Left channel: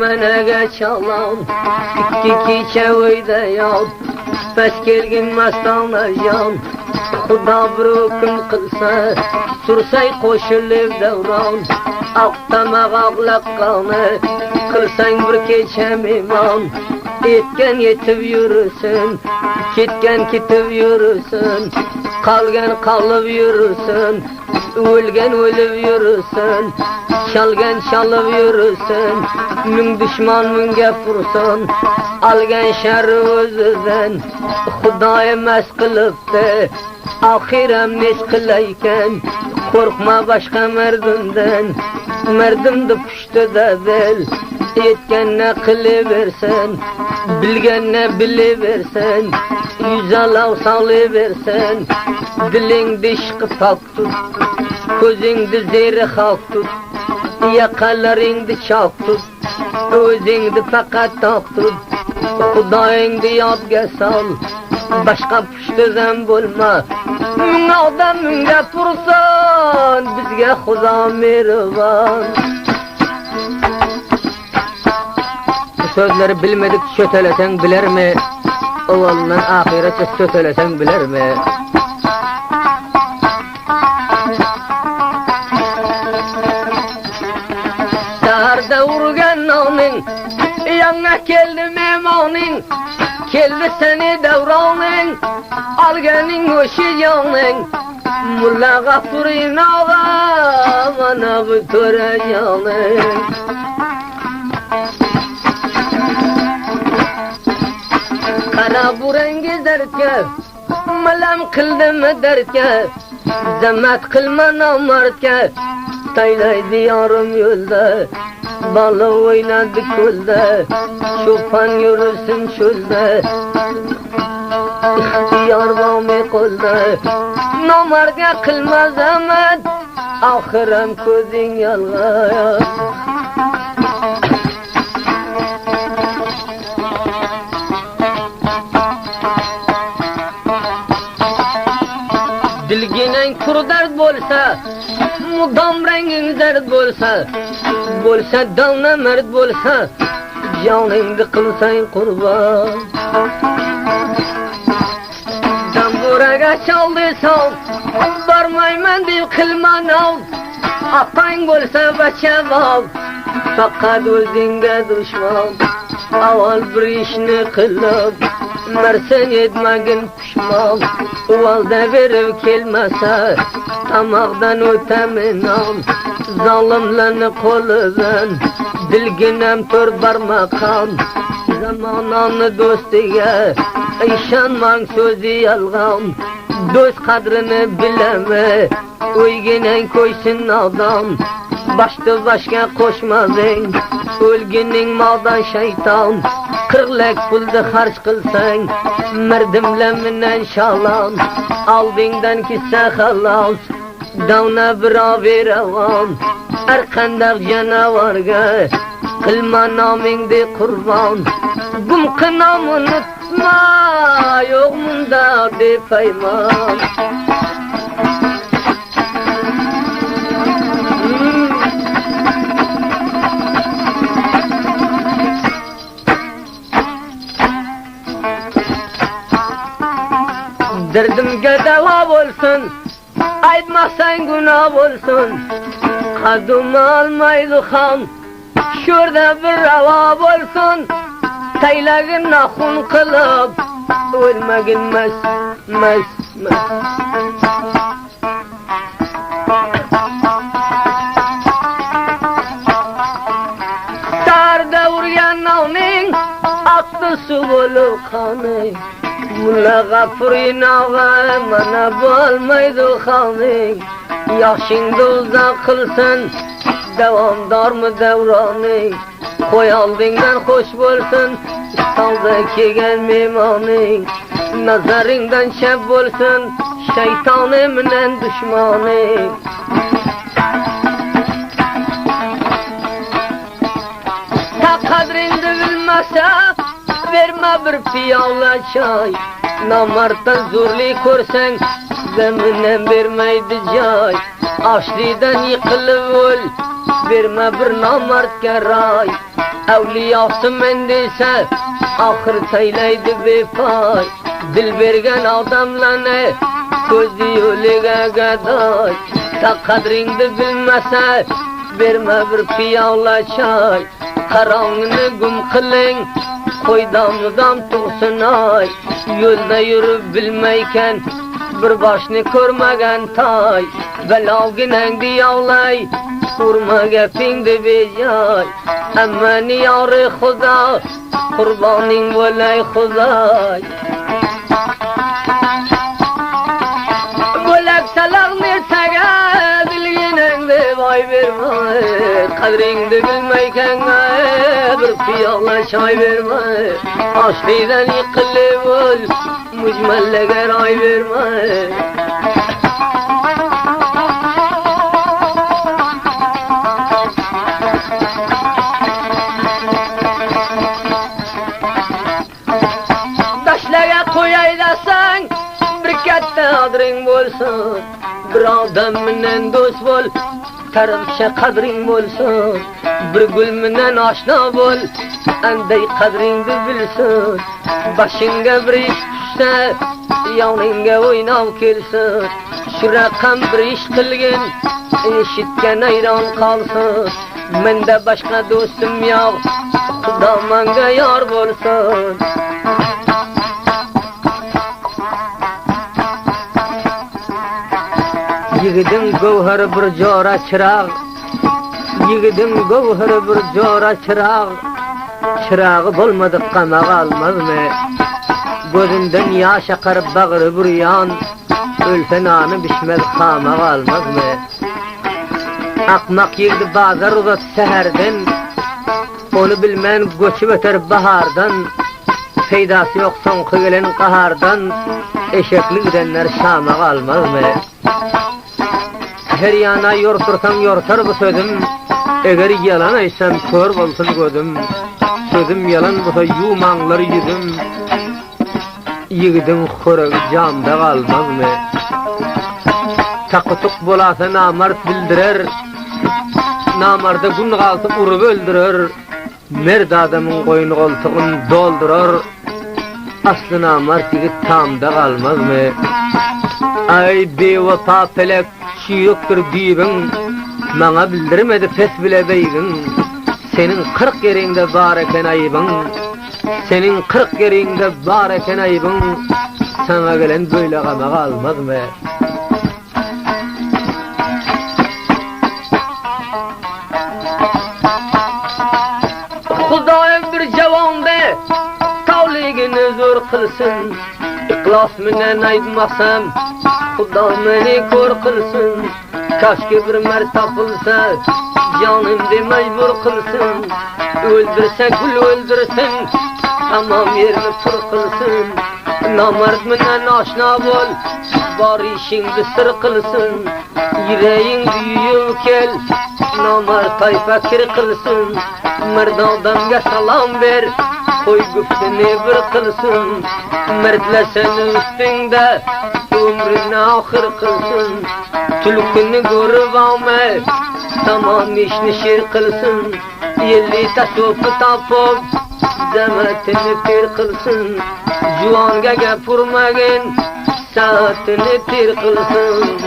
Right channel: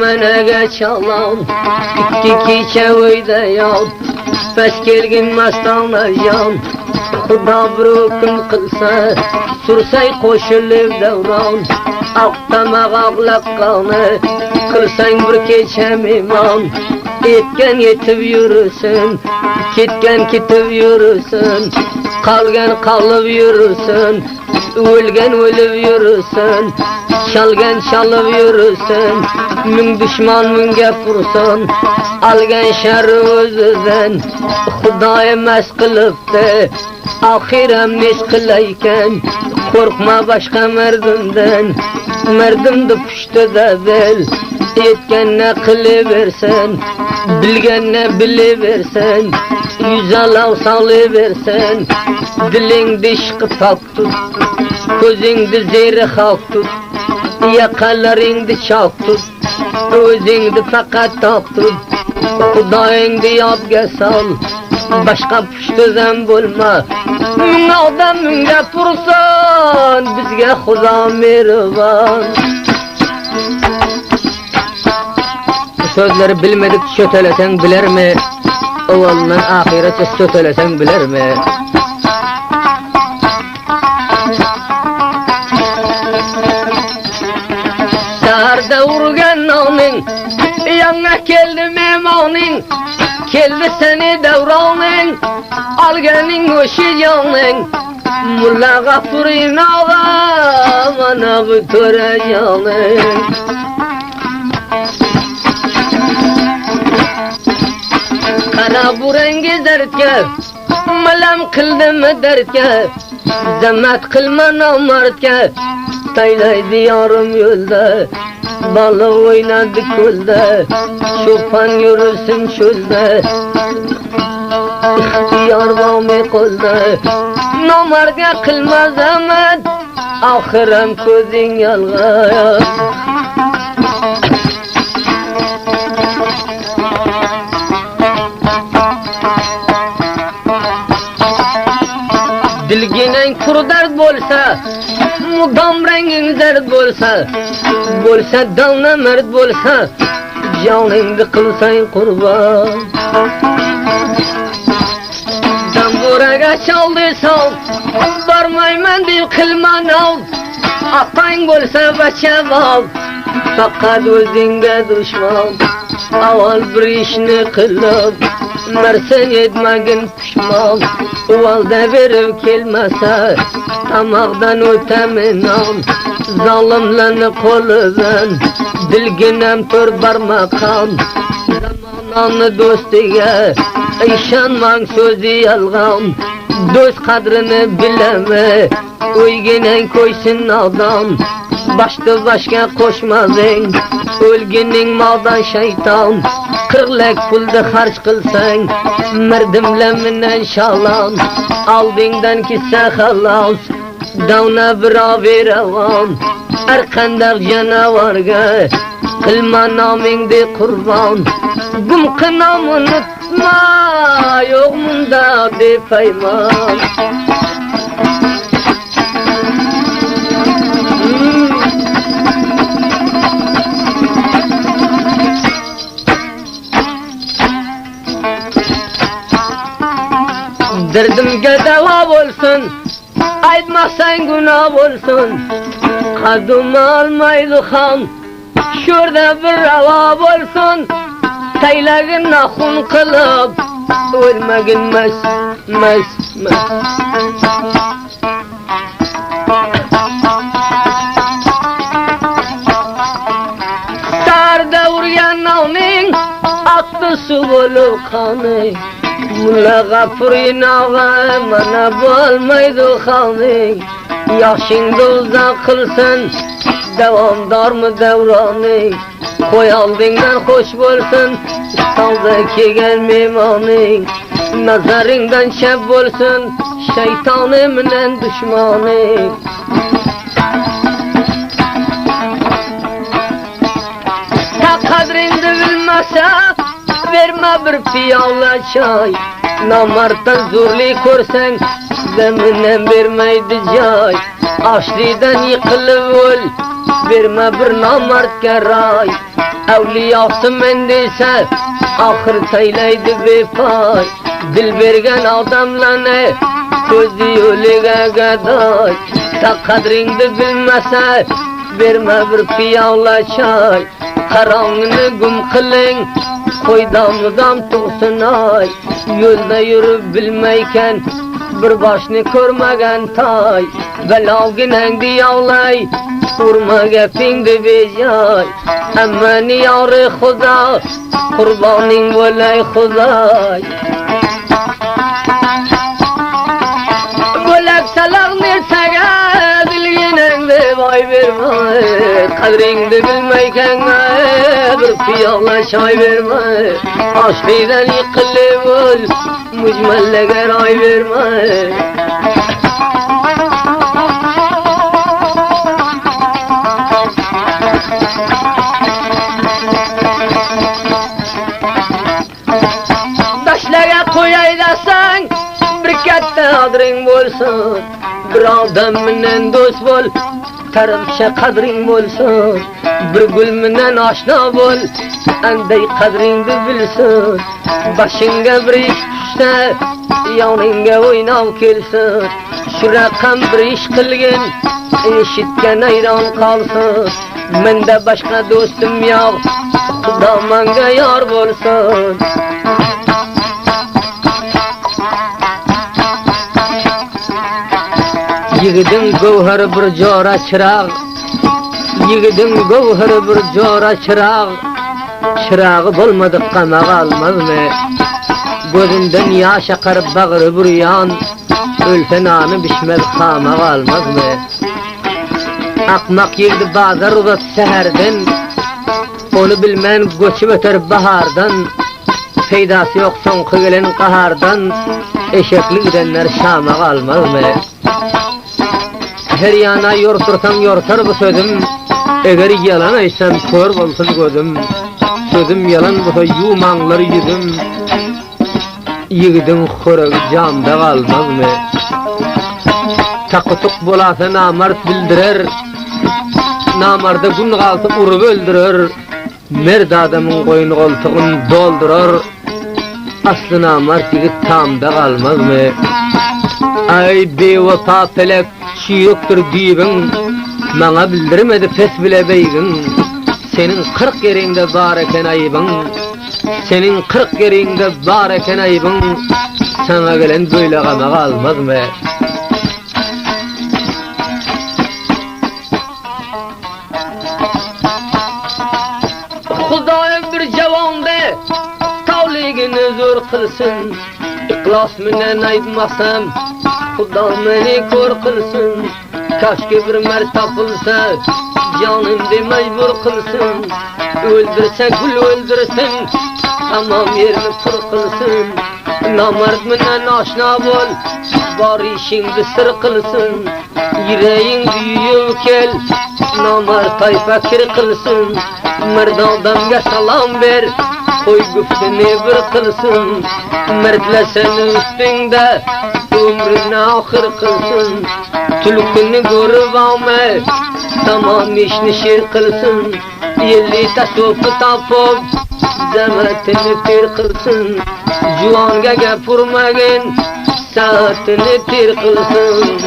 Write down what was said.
Menege çalan iki keçevide yal Pes kelgin mastanlayan Dabrukum kılsa Sürsey koşulup devran Aktamak ablakkanı Kılsan bir keçem iman Etken yetip yürüsün Ketken kitip yürüsün Kalgen kalıp yürüsün Ölgen ölüp yürüsün Çalgen çalıp yürüsün Mün düşman mün gepursun Algen şerri özüden Hudaya mes kılıptı Ahirem nes kılayken Korkma başka merdimden Merdimde püştü de bil Etken ne kılıversen Bilgen ne biliversen Yüze lav salıversen Dilin dişki tak tut Gözünde zehri hak tut Yakalarında çak tut Özünde fakat tak tut Hudayında yabga sal Başka püştüzen bulma Adam münge tursan Bizge Huda mehriban Bu sözleri bilmedik sötelesen biler mi? Ovallan ahirete sötelesen biler mi? Sarda urgan onun Yanına geldi memonin Keldi seni devranın Algenin öşü canın Mulla Gafur'in ağa Bana bu töre canın Kara bu rengi dertke Malam kıldım dertke Zemmet kılma namartke Taylaydı yarım yolda Balı oynadı kulda Şofan yürüsün çölde İhtiyar vami kulda Namarga kılma zaman Ahirem közün yalga Dilginen kurdart bolsa Mudam rengin zerd bolsa Bolsa dalna mert bolsa Caningdi kılsayın kurban Damburaga çaldıysan Barmayman deyip kılman al Atayın bolsa baça val Fakat özünge düşman Aval bir işini kılıp Mersen etmegin pişman Uvalda verip kelmese Tamaqdan öteminam Zalimlerini koludan Dilginem tör barmakam Zamananı dostiga İşanman sözü yalgan Dost kadrini bileme Uyginen koysun adam Başta başka koşmazın Ölginin maldan şeytan Kırlek pulda harç kılsan Merdimle minen şalan Aldığından kisse halas Davna biraver avam Erkandak canavarga Kılma namingdi kurban Gum kınam unutma Yok munda de payman Derdimge deva olsun Aytmazsan günah olsun Kadın almaydı ham Şurada bir rava olsun Taylagın nakun kılıp Ölmegin mes Sarda uryan navning Attı su bulup kanı Mulla Gafur'in ağa Bana bulmaydı kanı Yaşında uzak kılsın Devamdar mı devranı Koyaldığından hoş bulsun İstanbul'daki gelmemanı Nazarından şeb bulsun Şeytanı minen düşmanı Ta kadrinde bilmese Verme bir piyala çay Namarttan zurli korsen Zeminen vermeydi cay Açlıdan yıkılıp öl verme bir namertke ray. Evliyası mendise ahir teyleydi vefay. Dil vergen adamlarına sözü ölüge gaday. Ta kadrini bilmese verme bir piyala çay. Karanlığını güm kılın koydamıdan tutsun ay. Yolda yürüp bilmeyken bir başını körmegen tay. Velavginen diyavlay Kurma gepinde bejay. Aman yar Khuda Kurbanin volay Khuday. Golak salak nersaga bilginen de vay verme. Kadrini bilmeyken bir piyala çay verme. Aşkıydan yıkılır mücmelleger ay verme. Daşlara koyaydasan bir katta adrin bolsun. Bir adam menen dost bol, tarafşa kadrin bolsun. Bir gül menen aşna bol, anday kadrin de bilsin. Başınga bir iş düşse, yanınga oynav kelsin. Şu rakam bir iş kılgın, eşitken ayran kalsın. Mende başka dostum yok, Xudo manga yor bolsun. Yigidin gavhari bir jora chirag, yigidin gavhari bir jora chirag. Chiragı bolmadı qamaga almazmı? Gözümden yaş akar bağrı bir yan, ölsen anı bişmez qamaga almazmı? Akmak yigdi bazar uzat seherden, onu bilmen göçüp öter bahardan. Peydası yok soňky gelen qahardan, eşekli gidenler şamaga almazmı? Her yana yortursan yortar bu sözüm. Eger yalan aysam kör bolsun gözüm. Sözüm yalan bolsa yumanlar yüzüm. Yigidin xoragi jamda qalmazmı? Takytyk bolasa namard bildirer. Namarda gün qalsa urup öldürer. Merd adamın goýuny goltugyny doldurar. Asly namard yigit tamda qalmazmı? Ay bewafa felek şiyoktur diyibin, mana bildirmedi pes bile beybin. Senin 40 yerinde bar eken ayıbın, senin 40 yerinde bar eken ayıbın. Sana gelen böyle qamaga almazmı? Xudoyim bir javonda tavligini zo'r qilsin. İhlas menen aytmasam Xudo meni ko'r qilsin. Kaşki bir mard tapılsa canımda mecbur qilsin. Öldürse gül öldürsin, tamam yerni pir qilsin. Namard menen aşna bol, bar işingdi sir qilsin. Yüreğin büyüyün kel, namard tayfa kir qilsin. Mard adamga salam ver, koy güftini bir qilsin. Merdlesen üstünde ömrünü ahir kılsın. Tülkünü görüp alma, tamam işini şir kılsın. Yelli tasofı tapıp zemetini pir kılsın. Juanga gapurmagin saatini pir kılsın.